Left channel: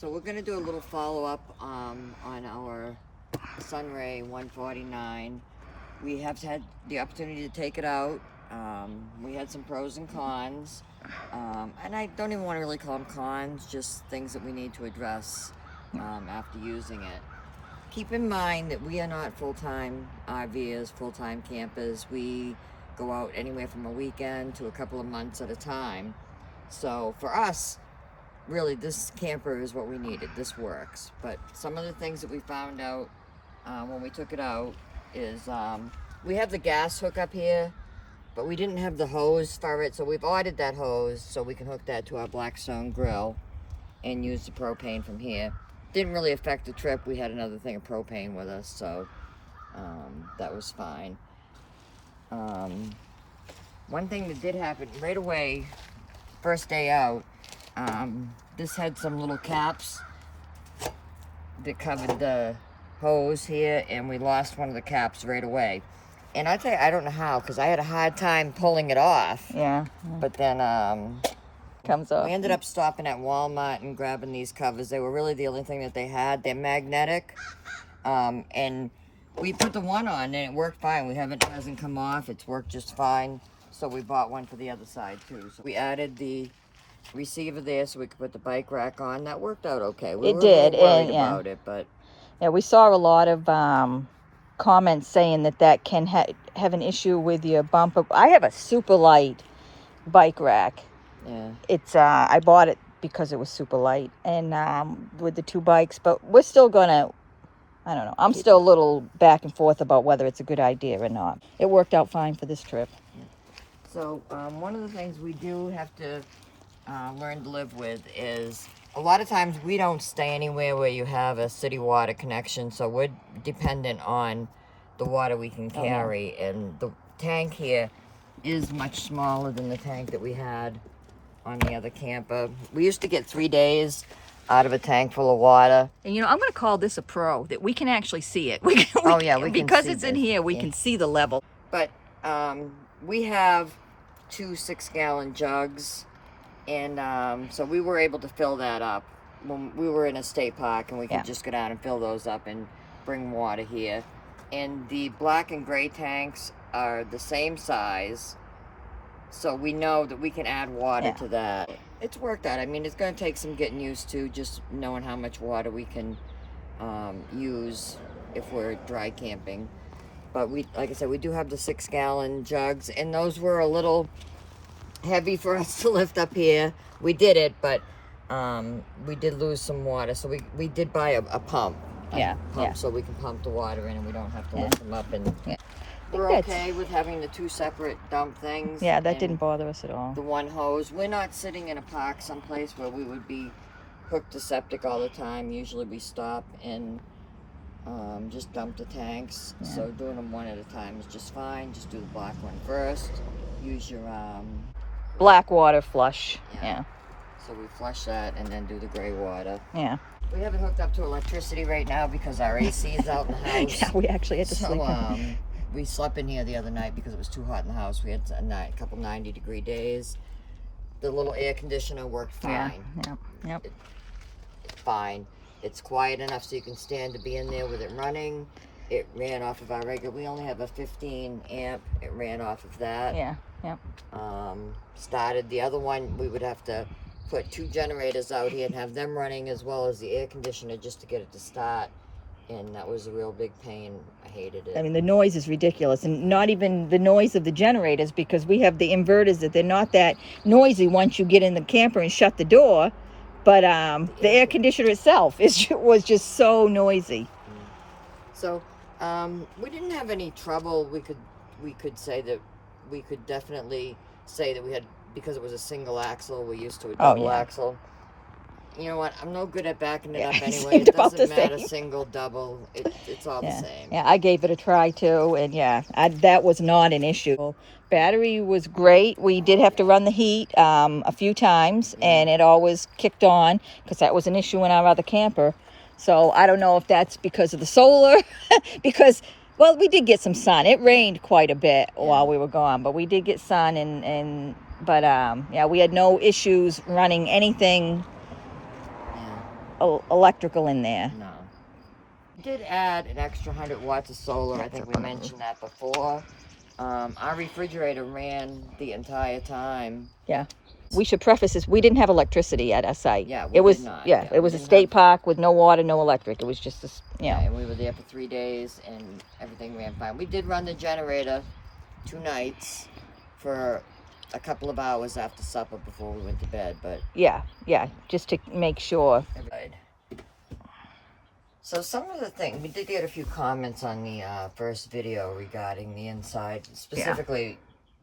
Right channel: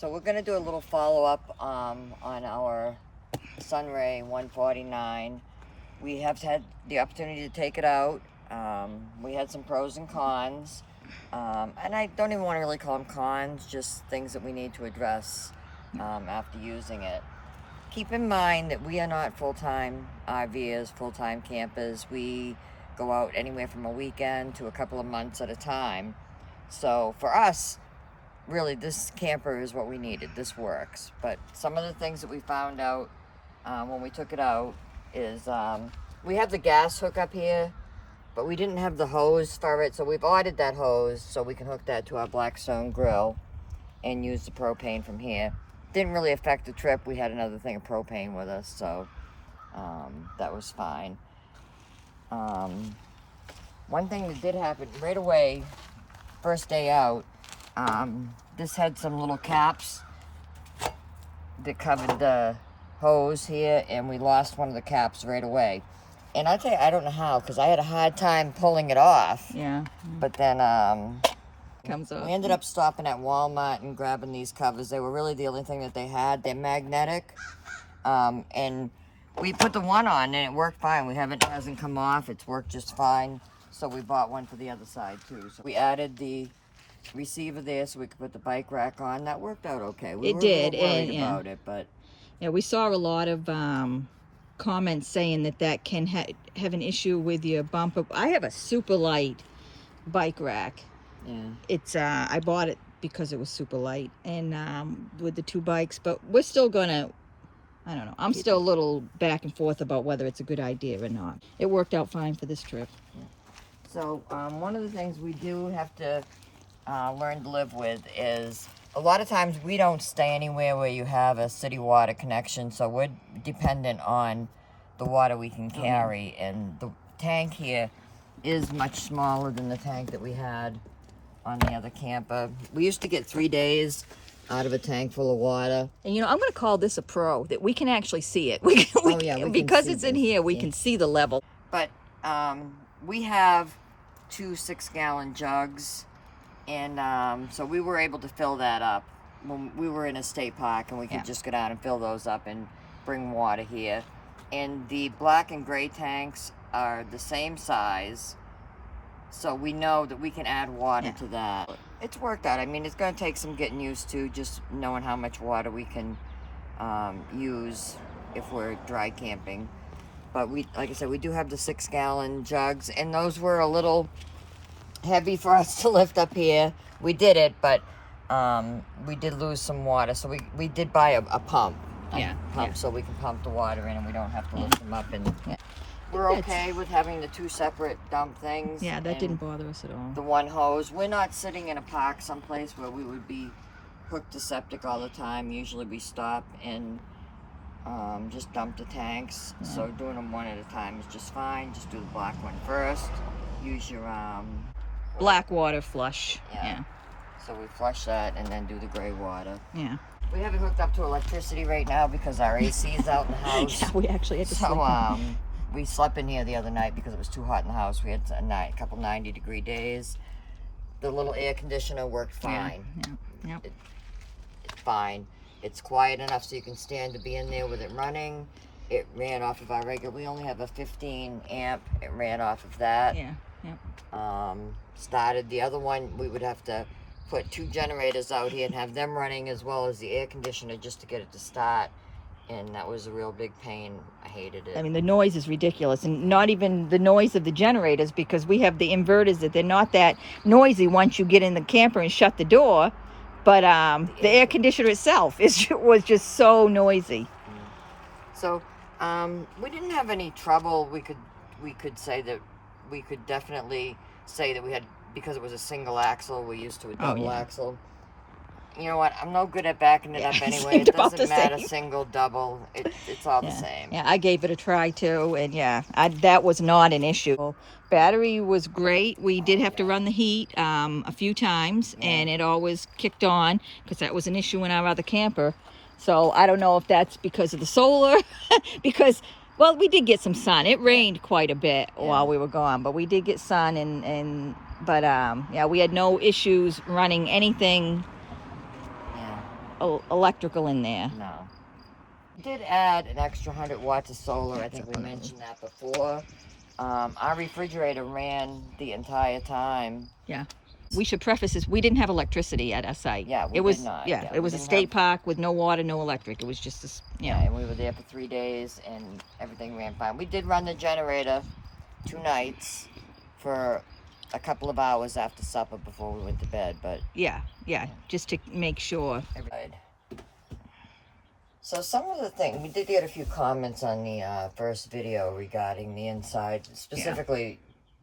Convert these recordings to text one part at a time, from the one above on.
So we're gonna do a little follow-up on our Sunray 149. We have had the opportunity to take it out. We had some pros and cons, and I don't even want to really call them cons, just things that we need to address after using it. Keep in mind that we are not full-time RVers, full-time campers. We go out anywhere from a weekend to a couple of months at a time. So for us, really, this camper is what we needed. This works. But some of the things that we found out when we took it out is we have the gas hookup here, but we didn't have the hose for it. So we've ordered that hose so we can hook that to our Blackstone grill and use the propane from here. Didn't really affect the trip. We had another thing of propane with us, so that was fine. One thing that did happen right away, first day out, this had some little caps that covered the hose here, and we lost one of the caps right away. And I tell you, I don't know how, because I had a hard time pulling it off. Yeah. But then Comes off. we ended up stopping at Walmart and grabbing these covers. They were really the only thing that they had. They're magnetic, and we put the one on and it worked fine. It hasn't come off. It's worked just fine. So we bought one for the other side too. So we added the receiver there so we could put the bike rack on. That worked out okay. We were a little worried about it, but yeah, we saw a lot of comments saying that can have an issue with your bumper. I have a super light bike rack. yeah. It's I bought it because it was super light, and with the two bikes, but we're still gonna, I don't know, I'm still a little back and forth about whether it's a good idea or not. It worked out fine for this trip. So one of the things we do have to learn to live with is a lot of times we don't stay anywhere where you have a city water connection, so we're dependent on the water we can carry. And the tank here is much smaller than the tank that we had on the other camper. We used to get 3 days out of a tank full of water. And I'm going to call this a pro, that we can actually see it. We can because see it's in this. here, we can see the level. But we have 2 6-gallon jugs, and so we were able to fill that up when we were in a state park, and we could just go down and fill those up and bring water here. And the black and gray tanks are the same size, so we know that we can add water to that. It's worked out. I mean, it's going to take some getting used to, just knowing how much water we can use if we're dry camping. But like I said, we do have the 6-gallon jugs, and those were a little heavy for us to lift up here. We did it, but we did lose some water, so we did buy a pump. So we can pump the water in, and we don't have to lift them up. And we're okay with having the 2 separate dump things. Yeah, that didn't bother us at all. The one hose. We're not sitting in a park someplace where we would be hooked to septic all the time. Usually we stop and just dump the tanks. So doing them one at a time is just fine. Just do the black one first. Use your Black water flush. Yeah. So we flush that and then do the gray water. Yeah. We have it hooked up to electricity right now because our AC is out in the house. Yeah, we actually had to sleep. So we slept in here the other night because it was too hot in the house. We had a couple 90-degree days. The little air conditioner worked fine. Yeah. It's fine. It's quiet enough so you can stand to be in there with it running. It ran off of our regular. We only have a 15 amp. It ran off of that. Yeah. Started the other one. We would have to put 2 generators out here and have them running as well as the air conditioner just to get it to start. And that was a real big pain. I hated it. I mean, the noise is ridiculous, and not even the noise of the generators, because we have the inverters that they're not that noisy once you get in the camper and shut the door. But the air conditioner itself was just so noisy. So we didn't have any trouble. We could say that we could definitely say that we had, because it was a single axle. We're used to a double axle. You know what? I'm no good at backing it up anyway. It doesn't matter, single, double. It's all the same. Yeah, I gave it a try too, and that was not an issue. Battery was great. We did have to run the heat a few times, and it always kicked on, because that was an issue in our other camper. So I don't know if that's because of the solar, because, well, we did get some sun. It rained quite a bit while we were gone, but we did get sun, but we had no issues running anything electrical in there. No. We did add an extra 100 watts of solar. I think we mentioned that before. Our refrigerator ran the entire time. Yeah. We should preface this, we didn't have electricity at our site. Yeah, we it was, did not. Yeah, Yeah, it was a state park with no water, no electric. It was just, Yeah, and we were there for 3 days, and everything ran fine. We did run the generator 2 nights for a couple of hours after supper before we went to bed, but... Yeah, just to make sure. So some of the things, we did get a few comments on the first video regarding the inside, specifically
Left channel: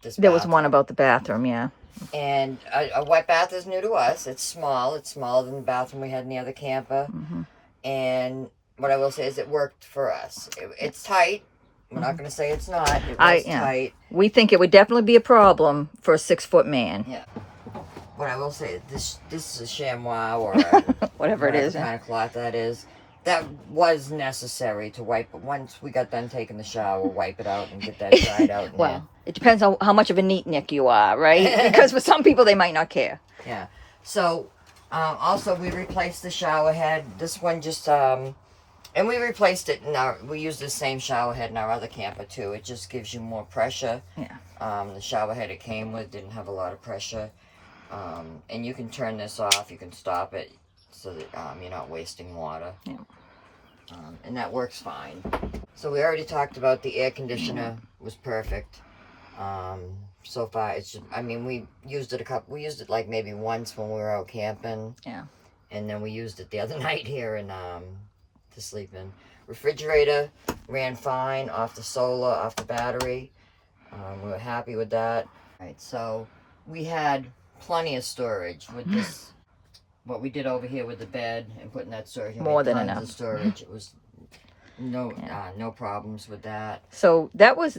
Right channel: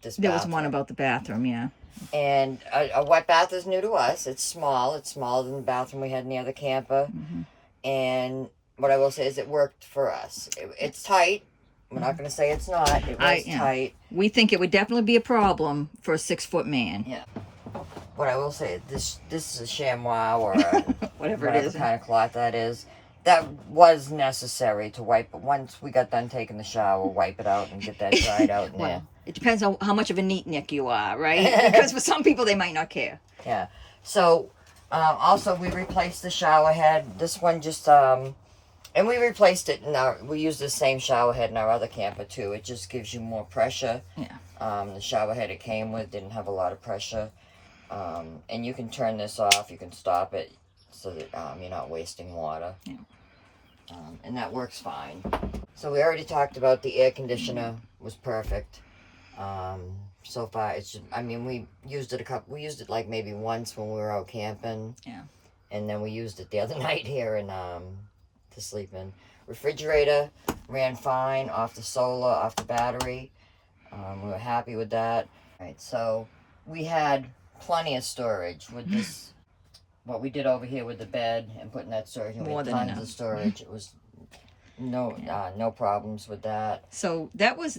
this There was bathroom. one about the bathroom, yeah. And a wet bath is new to us. It's small. It's smaller than the bathroom we had in the other camper. And what I will say is it worked for us. It's tight. We're not going to say it's not. It was tight. We think it would definitely be a problem for a 6-foot man. Yeah. What I will say, this is a chamois or whatever it is. Kind of cloth that is. That was necessary to wipe it. Once we got done taking the shower, wipe it out and get that dried out. Well, it depends on how much of a neatnik you are, right? Because for some people, they might not care. Yeah. So, also, we replaced the shower head. This one just, and we replaced it we used the same shower head in our other camper, too. It just gives you more pressure. Yeah. The shower head it came with didn't have a lot of pressure. And you can turn this off. You can stop it so that you're not wasting water. Yeah. And that works fine. So we already talked about the air conditioner was perfect. So far, it's just, we used it like maybe once when we were out camping. Yeah. And then we used it the other night here and to sleep in. Refrigerator ran fine off the solar, off the battery. We were happy with that. Right, so we had plenty of storage with this. What we did over here with the bed and putting that storage, more than enough of storage. It was no problems with that. So that was,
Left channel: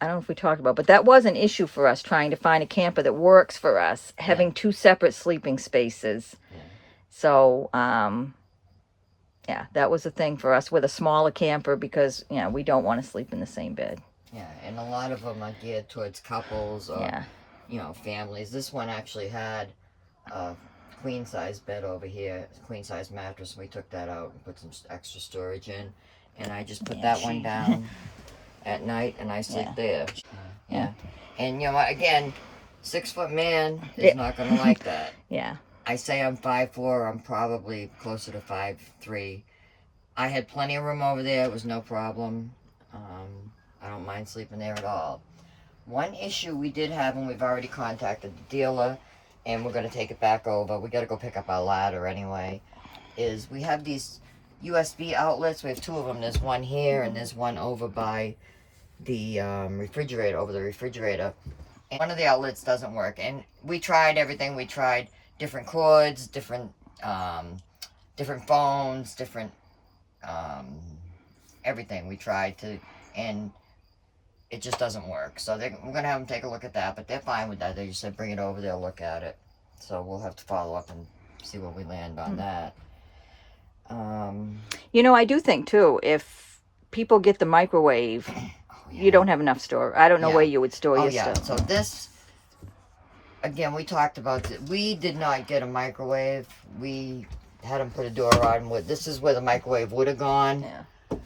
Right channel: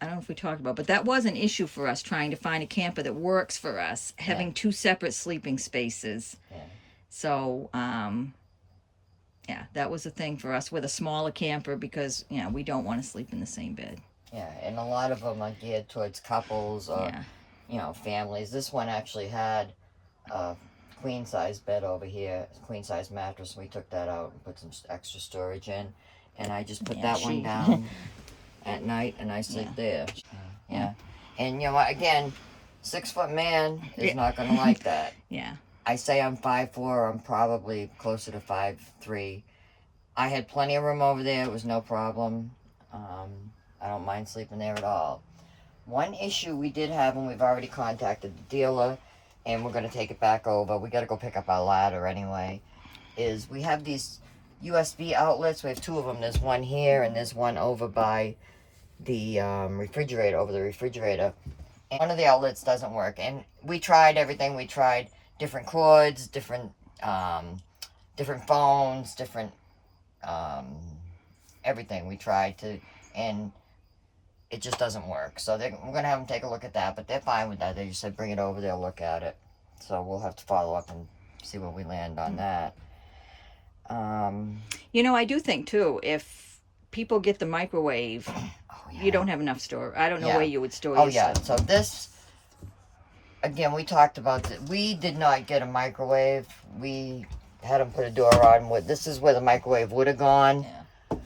I don't know if we talked about, but that was an issue for us trying to find a camper that works for us, having 2 separate sleeping spaces. Yeah. So, that was a thing for us with a smaller camper because, we don't want to sleep in the same bed. Yeah, and a lot of them are geared towards couples or, families. This one actually had a queen-size bed over here, queen-size mattress. We took that out and put some extra storage in. And I just put that one down at night and I sleep there. Yeah. And, again, 6-foot man is not going to like that. Yeah. I say I'm 5'4", I'm probably closer to 5'3". I had plenty of room over there. It was no problem. I don't mind sleeping there at all. One issue we did have, and we've already contacted the dealer, and we're going to take it back over. We got to go pick up our ladder anyway, is we have these USB outlets. We have 2 of them. There's one here, and there's one over by the refrigerator, over the refrigerator. And one of the outlets doesn't work, and we tried everything. We tried different cords, different phones, different everything we tried to, and it just doesn't work. So we're going to have them take a look at that, but they're fine with that. They just said bring it over, they'll look at it. So we'll have to follow up and see where we land on that. I do think, too, if people get the microwave, you don't have enough store. I don't know where you would store your stuff. So this, again, we talked about that. We did not get a microwave. We had them put a door on. This is where the microwave would have gone. Yeah.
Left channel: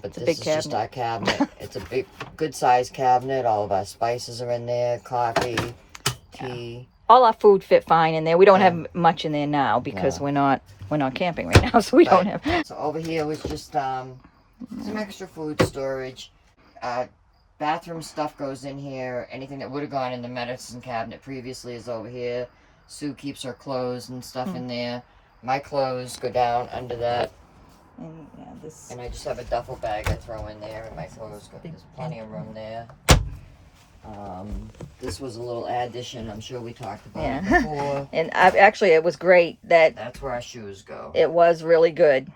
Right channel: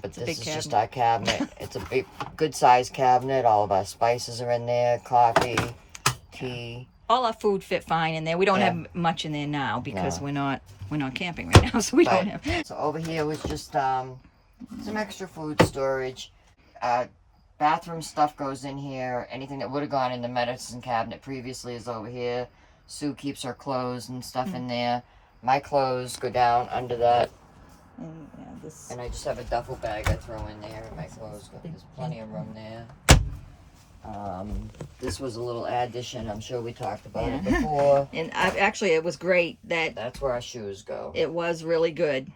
But this is just our cabinet. It's a big, good-sized cabinet. All of our spices are in there, coffee, tea. All our food fit fine in there. We don't have much in there now because we're not camping right now, so we don't have. So over here was just some extra food storage. Bathroom stuff goes in here. Anything that would have gone in the medicine cabinet previously is over here. Sue keeps her clothes and stuff in there. My clothes go down under that. And I just have a duffel bag I throw in there, and my clothes go. There's plenty of room there. This was a little addition. I'm sure we talked about it before. And actually, it was great that's where our shoes go. It was really good.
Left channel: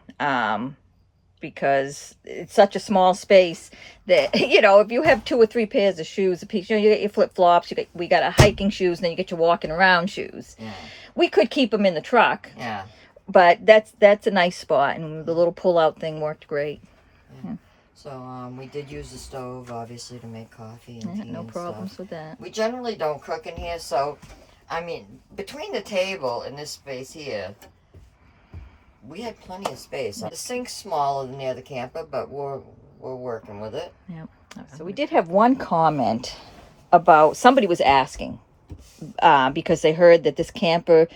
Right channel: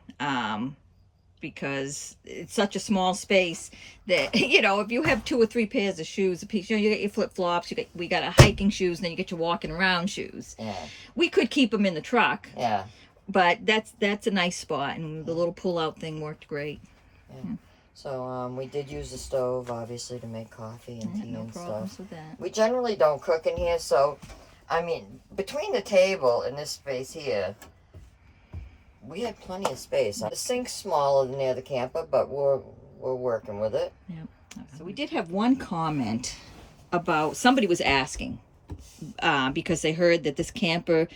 Because it's such a small space that, if you have 2 or 3 pairs of shoes a piece, you get your flip-flops, we got our hiking shoes, and then you get your walking around shoes. Yeah. We could keep them in the truck. Yeah. But that's a nice spot, and the little pull-out thing worked great. Yeah. So we did use the stove, obviously, to make coffee and tea no and problems stuff. with that. We generally don't cook in here, so, between the table and this space here, we had plenty of space. The sink's smaller than the other camper, but we're working with it. Yeah. So we did have one comment about somebody was asking because they heard that this camper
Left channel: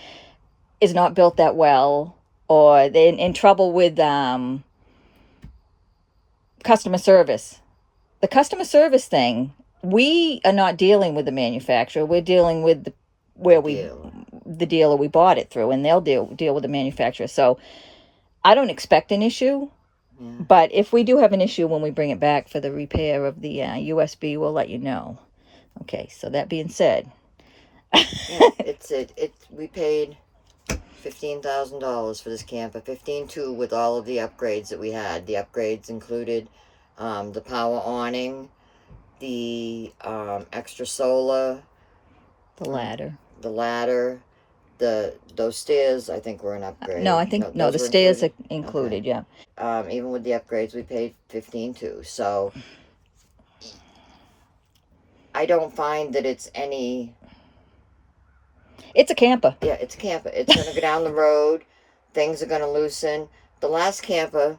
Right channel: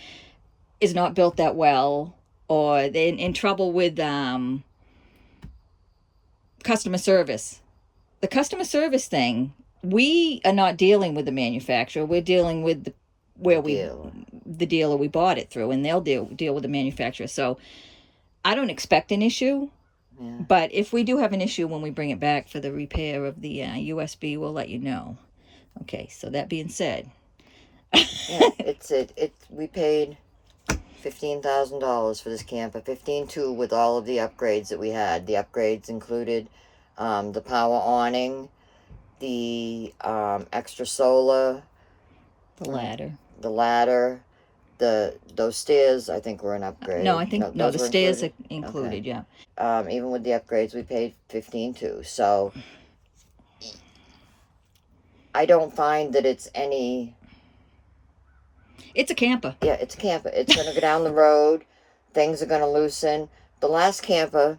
is not built that well, or they're in trouble with customer service. The customer service thing, we are not dealing with the manufacturer. We're dealing with the dealer we bought it through, and they'll deal with the manufacturer. So I don't expect an issue. Yeah. But if we do have an issue when we bring it back for the repair of the USB, we'll let you know. Okay, so that being said. Yeah, we paid $15,000 for this camper, 15,200 with all of the upgrades that we had. The upgrades included the power awning, the extra solar, The ladder. Those stairs. I think were an upgrade. No, I think the stairs are included. Okay. Yeah. Even with the upgrades, we paid 15,200. So I don't find that it's any. It's a camper. Yeah, it's a camper. It's going to go down the road. Things are going to loosen. The last camper,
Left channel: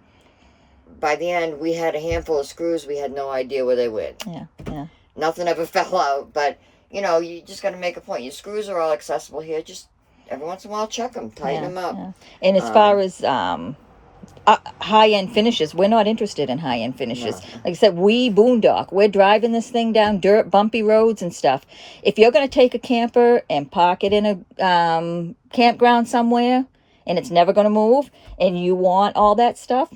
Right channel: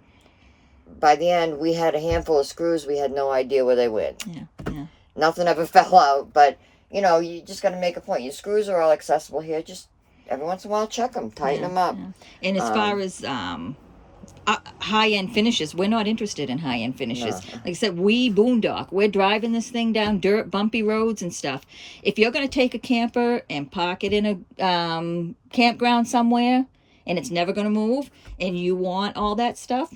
by the end, we had a handful of screws. We had no idea where they went. Yeah. Nothing ever fell out. But, you just got to make a point. Your screws are all accessible here. Just every once in a while, check them. Tighten them up. Yeah. And as far as high-end finishes, we're not interested in high-end finishes. No. Like I said, we boondock. We're driving this thing down dirt, bumpy roads and stuff. If you're going to take a camper and park it in a campground somewhere and it's never going to move and you want all that stuff,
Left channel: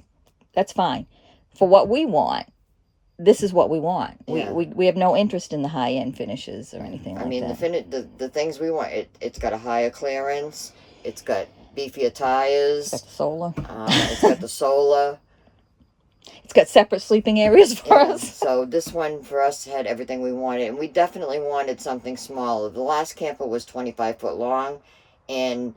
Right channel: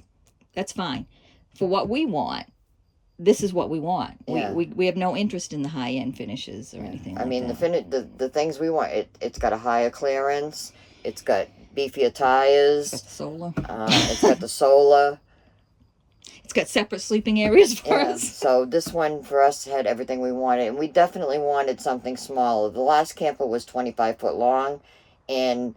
that's fine. For what we want, this is what we want. Yeah. We have no interest in the high-end finishes or anything like that. The things we want, it's got a higher clearance. It's got beefier tires. It's got solar. It's got the solar. It's got separate sleeping areas for us. So this one for us had everything we wanted, and we definitely wanted something smaller. The last camper was 25 foot long, and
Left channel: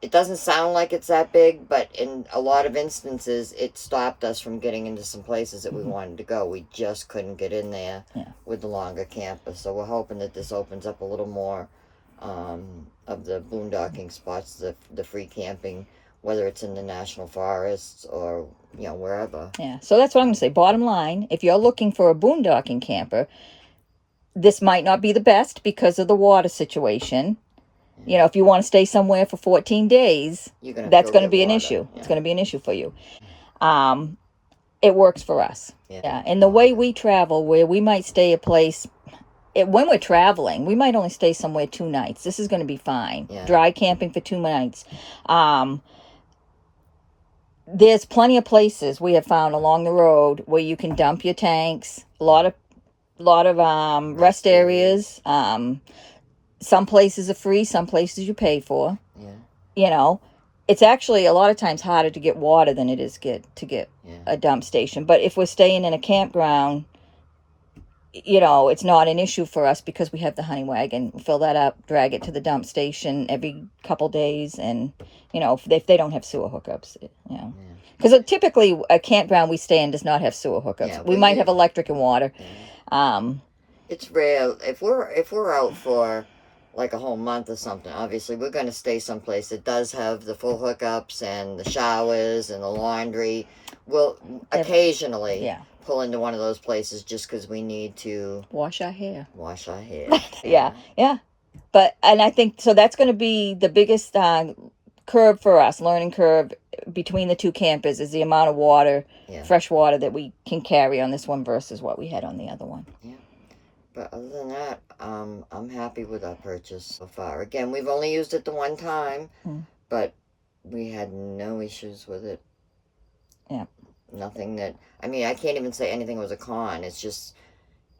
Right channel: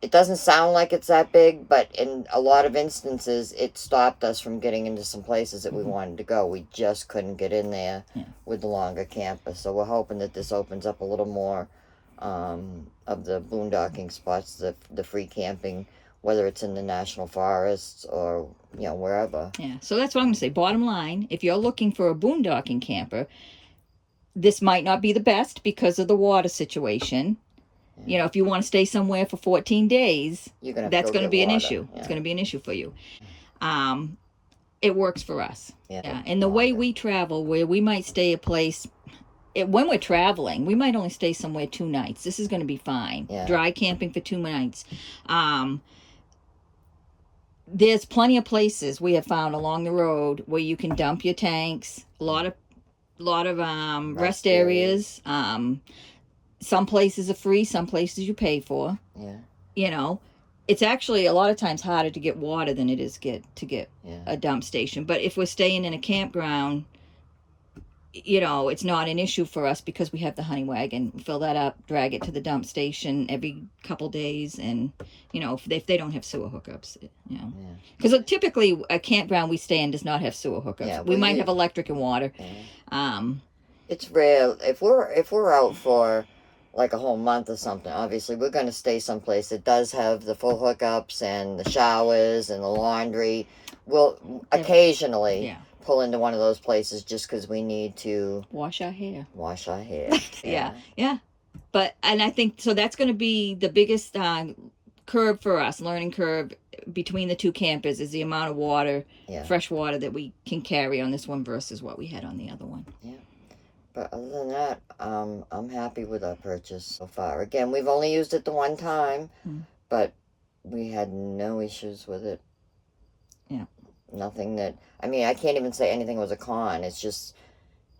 it doesn't sound like it's that big, but in a lot of instances, it stopped us from getting into some places that we wanted to go. We just couldn't get in there with the longer camper. So we're hoping that this opens up a little more of the boondocking spots, the free camping, whether it's in the national forests or wherever. Yeah, so that's what I'm going to say. Bottom line, if you're looking for a boondocking camper, this might not be the best because of the water situation. Yeah. If you want to stay somewhere for 14 days, that's going to be an issue. Yeah. It's going to be an issue for you. It works for us. Yeah. And the way we travel, where we might stay a place, when we're traveling, we might only stay somewhere 2 nights. This is going to be fine. Yeah. Dry camping for 2 nights. There's plenty of places we have found along the road where you can dump your tanks. A lot of rest areas. Some places are free. Some places you pay for. Yeah. It's actually a lot of times harder to get water than it is to get a dump station. But if we're staying in a campground, it's not an issue for us because we have the honey wagon. Fill that up, drag it to the dump station every couple days, and if they don't have sewer hookups, because typically a campground we stay in does not have sewer hookups. Yeah, we might have electric and water. Yeah. It's rare if we're out for like a whole month or something. Obviously, we're going to stay someplace that does have the full hookups and the showers and the laundry. We'll occasionally pull into one of those places just because we need to wash our hair. Yeah. But I think so. That's going to be the biggest curve for us, learning curve between the 2 campers, is the amount of water, fresh water that we can carry on this one versus what we had on the other one. Yeah. But other than that, I'm happy with our purchase so far. Again, we've only used it the one time, but we had no issues with it. Yeah. Nothing that, I can't even say anything was a con. It's just,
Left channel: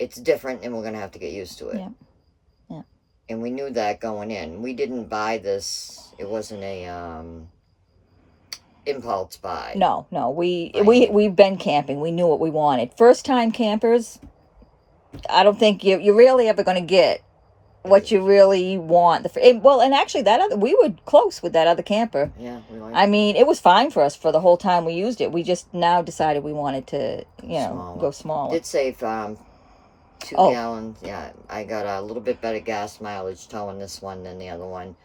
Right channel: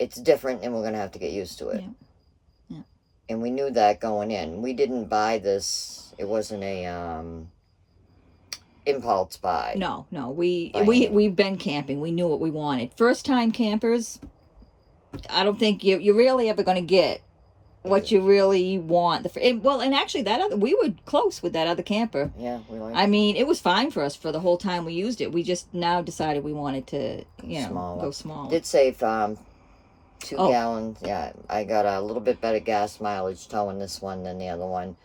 it's different and we're going to have to get used to it. Yeah. And we knew that going in. We didn't buy this. It wasn't a impulse buy. No. We've been camping. We knew what we wanted. First time campers, I don't think you're really ever going to get what you really want. And actually we were close with that other camper. Yeah, we liked it. It was fine for us for the whole time we used it. We just now decided we wanted to, go smaller. Did save 2 gallons. Yeah, I got a little bit better gas mileage towing this one than the other one.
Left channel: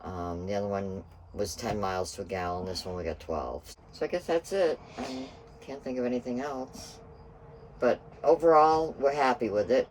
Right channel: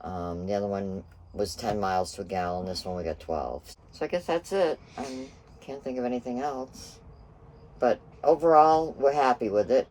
The other one was 10 miles to a gallon. This one we got 12. So I guess that's it. I can't think of anything else. But overall, we're happy with it.